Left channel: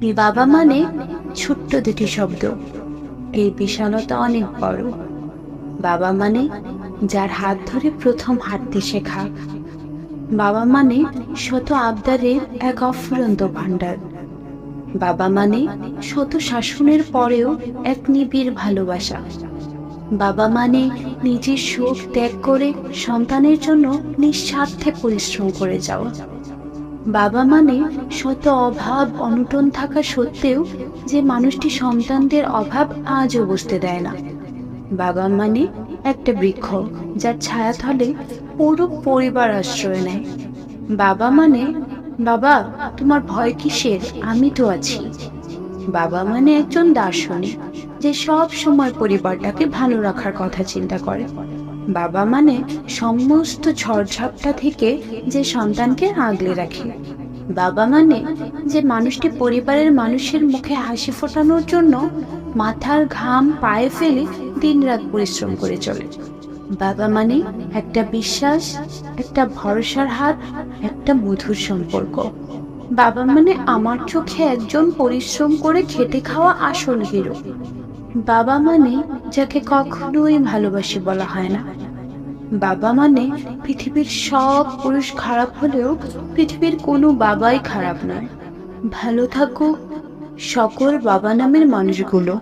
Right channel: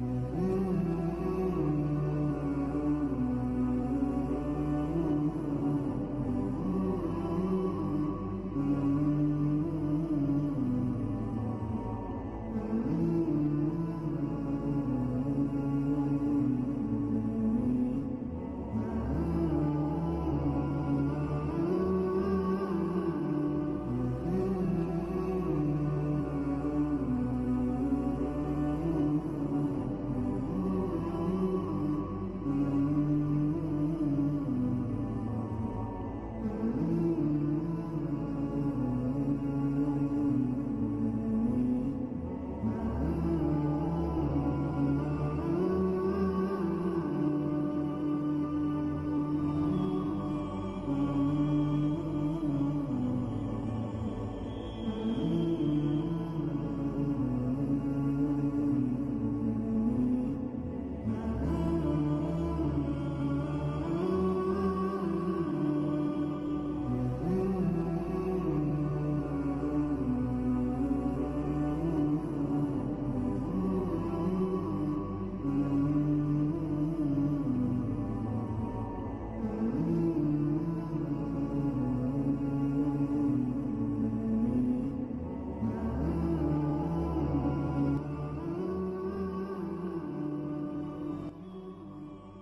বাবা মানে ছোট্ট দুটি শব্দ, এই বিশালতা অনেক বড়। বাবা মানে যার হাত ধরে প্রথম হাঁটতে শেখা। বাবা মানে শত আবদারের এক অফুরন্ত ভান্ডার। বাবা মানে শত শাসনের পরেও এক নিবিড় ভালোবাসা। বাবা মানে নিজের সুখ ত্যাগ করে সন্তানের জন্য নিঃস্বার্থে পরিশ্রম করে যাওয়া। বাবা মানে শত অভাব অনটন থাকা সত্ত্বেও যে মানুষটি সন্তানদের অভাব আজও বুঝতে দেয় না। বাবা মানে একটা বৃক্ষ যার ছায়াতলে পুরো পরিবার আশ্রয় নেয়। বাবা মানে, বাবা তোমার ভয় কিসের, আমি তো আছি। বাবা মানে একজন দার্শনিক যে সব সময় পরিবারটাকে ভালো রাখার কথা চিন্তা করে। বাবা মানে সমস্ত ঝড়ঝাপটা থেকে যে সন্তানকে আগলে রাখে। বাবা মানে যে মানুষটি পরিবারের মানুষের মুখে হাসি ফোটানোর জন্য মাথার ঘাম পায়ে ফেলে দিনরাত পরিশ্রম করে চলে। বাবা মানে একটা বিশ্বাস, একটা ভরসার হাত, একটা মধুর সম্পর্ক। বাবা মানে আমার চোখে একজন পরিশ্রম করে খেটে খাওয়া আসল হিরো। বাবা মানে যাকে কখনোই ভালোবাসি বলা হয় না। বাবা মানে পৃথিবীর সব পুরুষ খারাপ হলেও পৃথিবীর কোনো বাবাই খারাপ নয়। ভালো থাকো সকল বাবা নামের মানুষগুলো।